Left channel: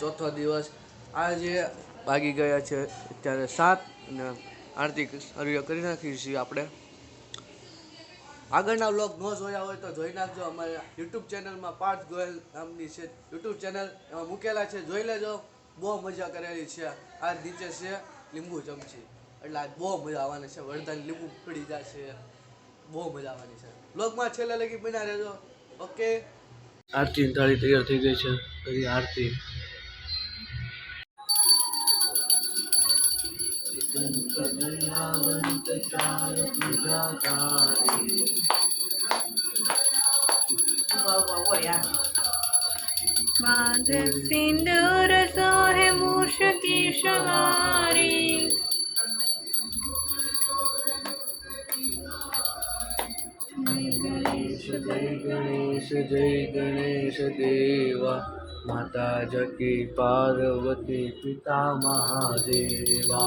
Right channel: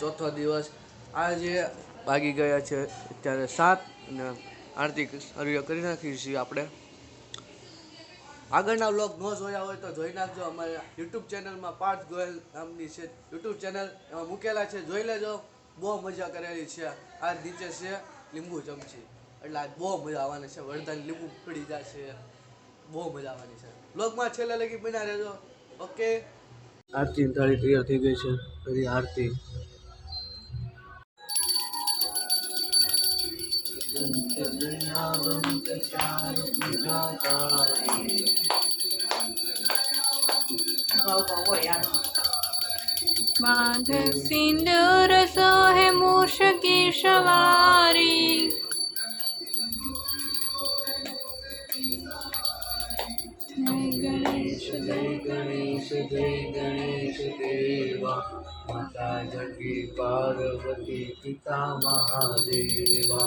ચોથો દિવસ. આજે વાગી ગયા છે અત્યારે 7 અને આરતી શરૂ કરી નાખી છીએ આપણે. આગળના વ્લોગ ન જોયા હોય તો જોઈ નાખજો. અમારા યુટ્યુબ ચેનલમાં પાર્થ ગોયલ નામની છે યુટ્યુબ ચેનલ, એમાં મૂકેલા છે, જોઈ લેજો. બહુ મજા કરેલી છે. આ નીચે છે લીંબુ ચમચી, એટલે આજ બહુ મજા આવવાની છે. વરદાન લીંબુ પડી જશે, બહુ મજા આવવાની છે. વ્લોગમાં છેલ્લે લગી બના રહેજો. ઓકે. આરતી થાળી તૈયાર થઈ ગઈ છે. કરી આરતી. माध सिंदूर सोहे मूष की सवारी, जय गणेश देवा, माता जकी पार्वती पिता महादेवा.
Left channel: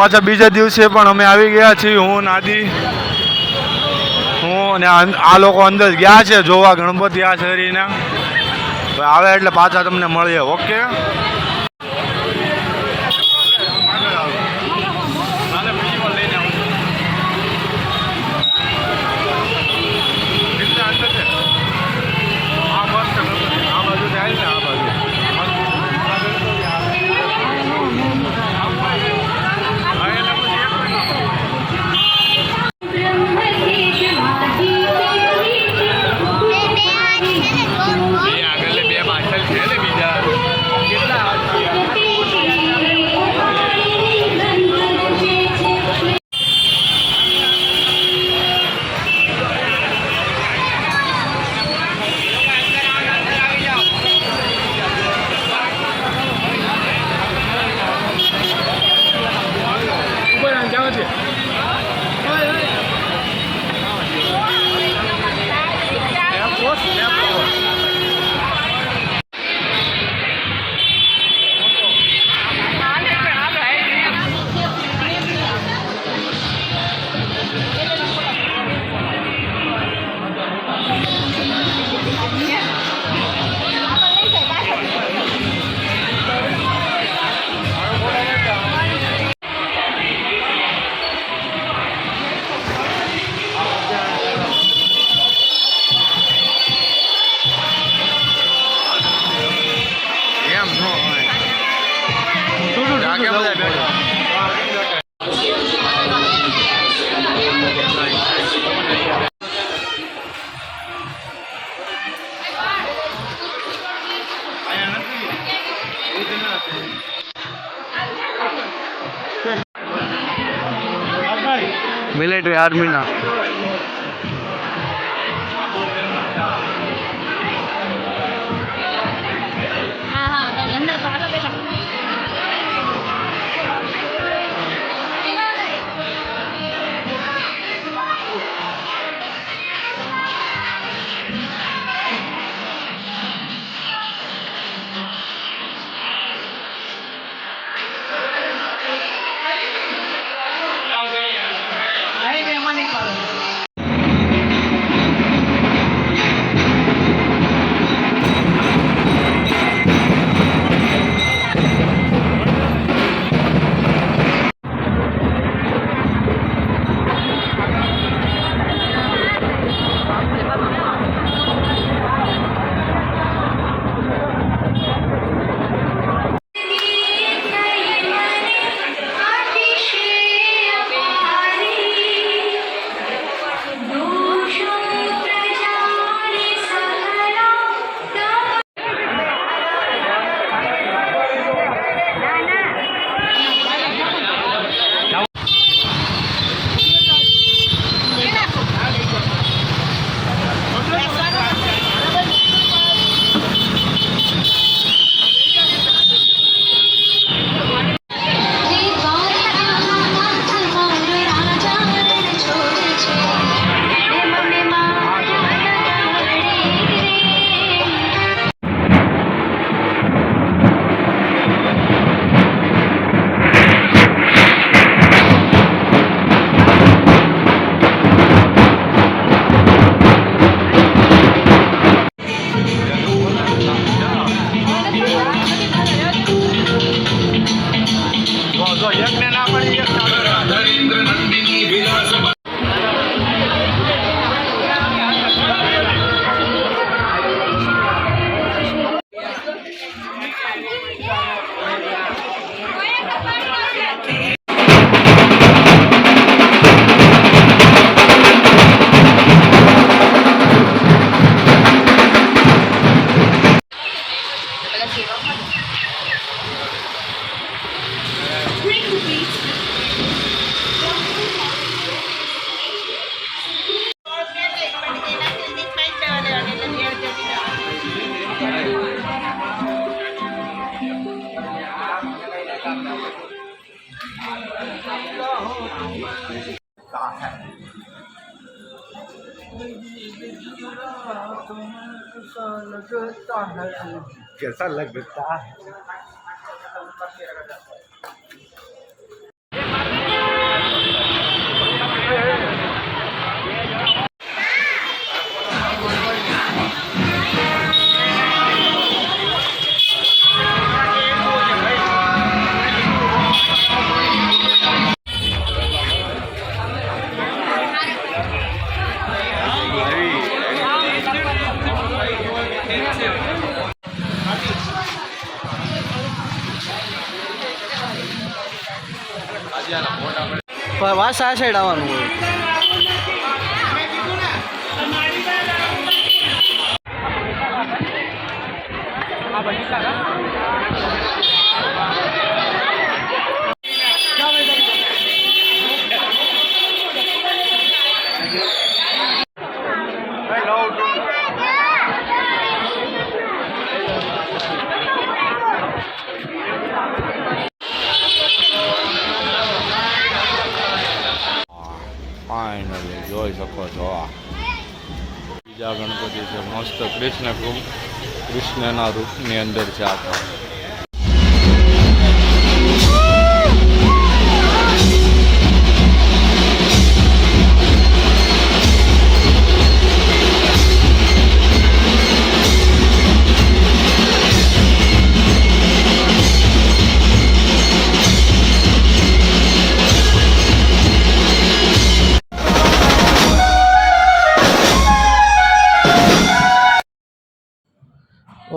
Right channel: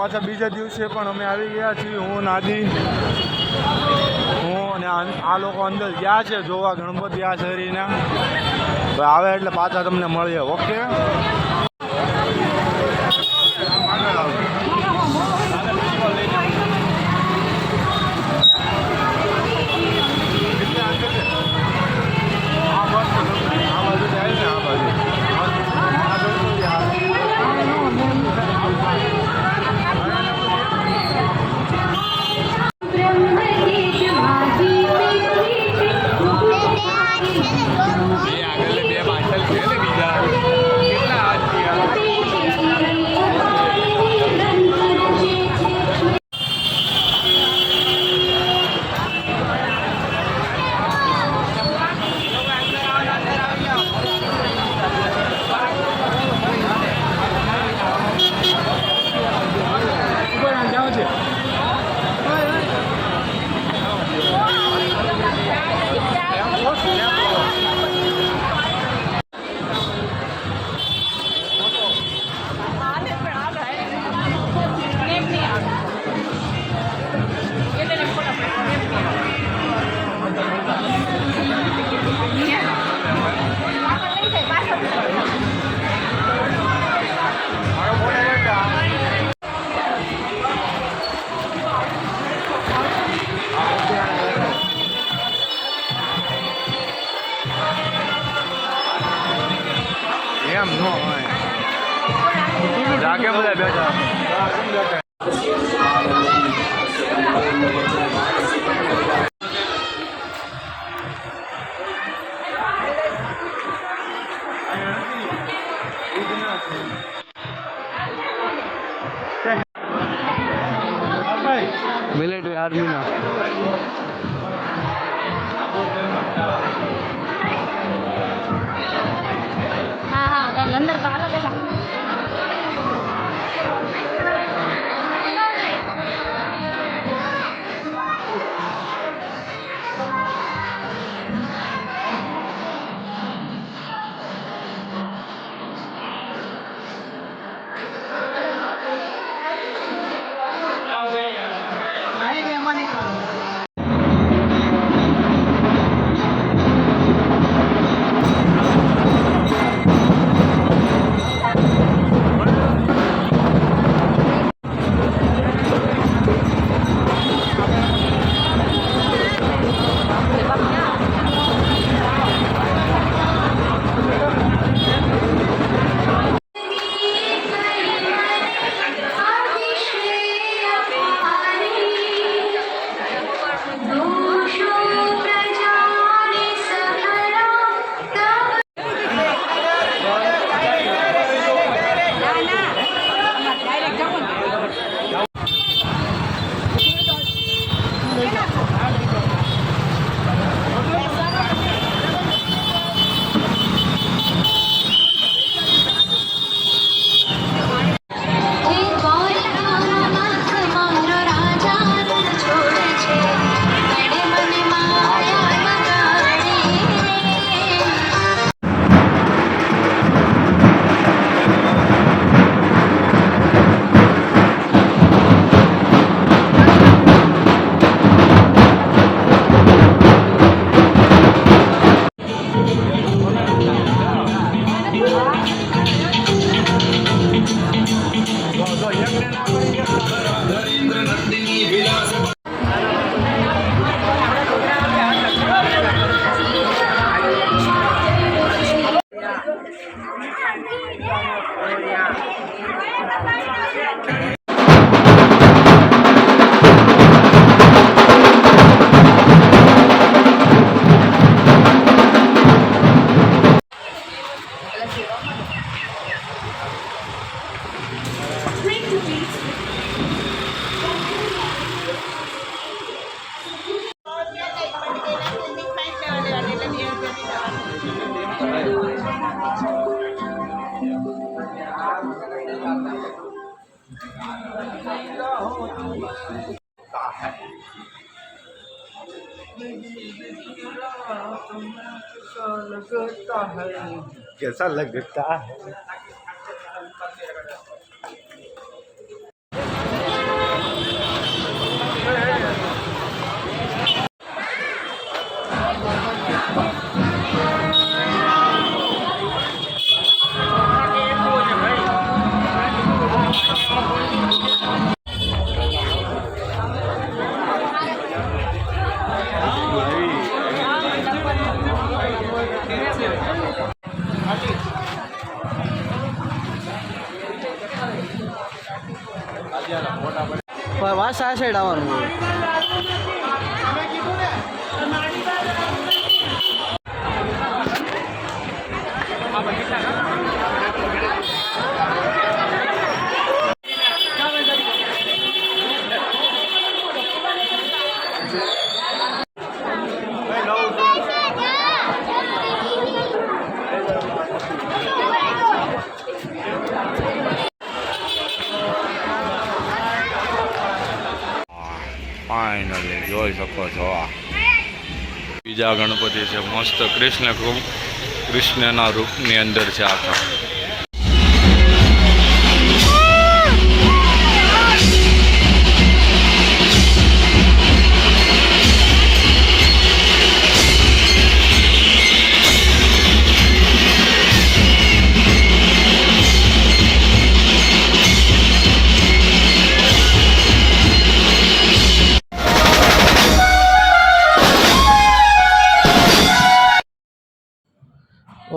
પાછા બીજા દિવસે પણ અમે આવી ગયા છીએ. હું નાદી, હું અને આ લોકો અંદર ગયા છે જોવા ગણપતિ આ શરીરના. આવે એટલે પાછા તમને મળીએ. ઓકે. આ મસ્ત આ બાજુ થાય ને, આ બાજુ મિલિટરી આર્મીના कैसा लगता है વાસ આ સાઈડ આવવાનું હોય. ફાઇનલી જોઈ શકો છો આ બીજા ગણપતિ છે મસ્ત કૃષ્ણના રૂપની અંદર છે આખા.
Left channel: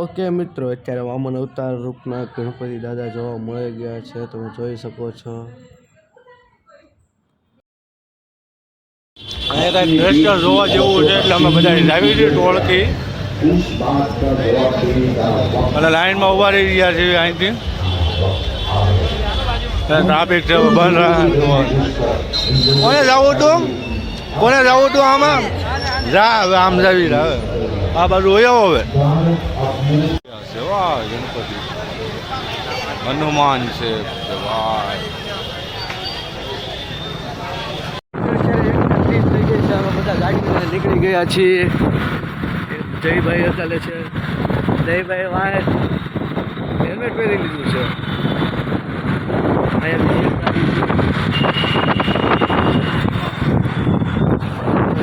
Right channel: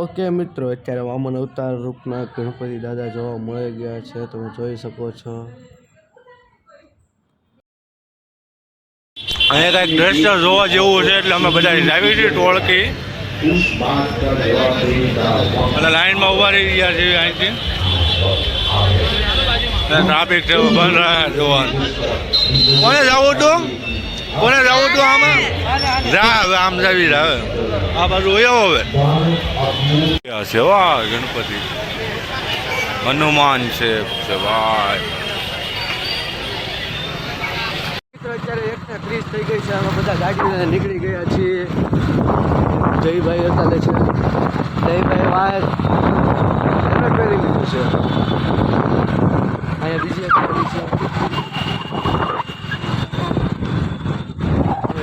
ઓકે મિત્રો, અત્યારે વામન અવતાર રૂપના ગણપતિ દાદા જોવા મળી ગયા છે. તમે જોઈ શકો છો. અહીંયા કંઈક દ્રશ્ય જોવા જેવું છે એટલે અમે બધા લાવી છીએ ટોળકી અને લાઈનમાં ઉભા રહી ગયા છીએ. અહીંથી ટ્રાફિક છે બંધ રહ્યા જોવાનું. કોને જવું હતું આમાં જા હવે આમ જાવી હવે આ બાજુ હોય હવે છે વાહ ગણપતિ હનુમાન છે ભાઈ. અત્યારે 1:30 થઈ ગઈ છે. અમે બધા ગાડી લઈને નીકળી ગયા છીએ. જયભાઈ અત્યારે છે. જયભાઈ વાય હેલ્મેટ પહેરી લીધું છે. અહીંયાથી ગાડી છે.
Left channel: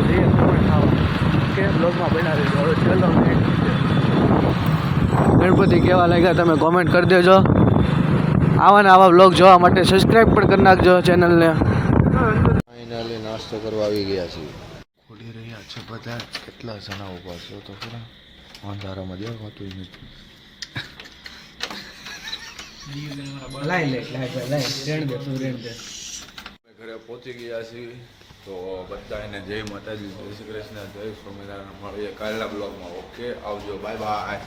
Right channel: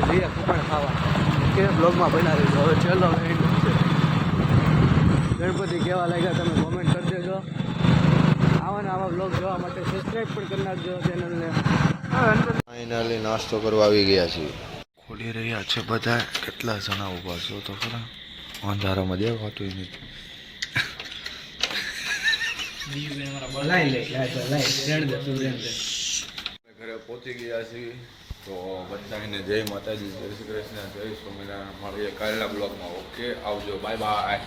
જઈએ ખમણ ખાવા કે બ્લોગમાં બનાવી દેજો. હવે ચલો ગણપતિ કેવા લાગ્યા તમે કોમેન્ટ કરી દેજો. આવા ને આવા બ્લોગ જોવા માટે સબસ્ક્રાઈબ પણ કરી નાખજો ચેનલને. ફાઇનલી નાસ્તો કરવા આવી ગયા છીએ. ખોલી રહ્યા છે બધા. કેટલા જણા ઊભા છો તો ખરા અંધારામાં દેખાતું નથી. ઘરે પહોંચી ગયા છીએ તો બધાને જય માતાજી, જય શ્રી કૃષ્ણ, જય સ્વામિનારાયણ. મળીએ કાલના બ્લોગમાં. ઓકે આવજો, બાય બાય.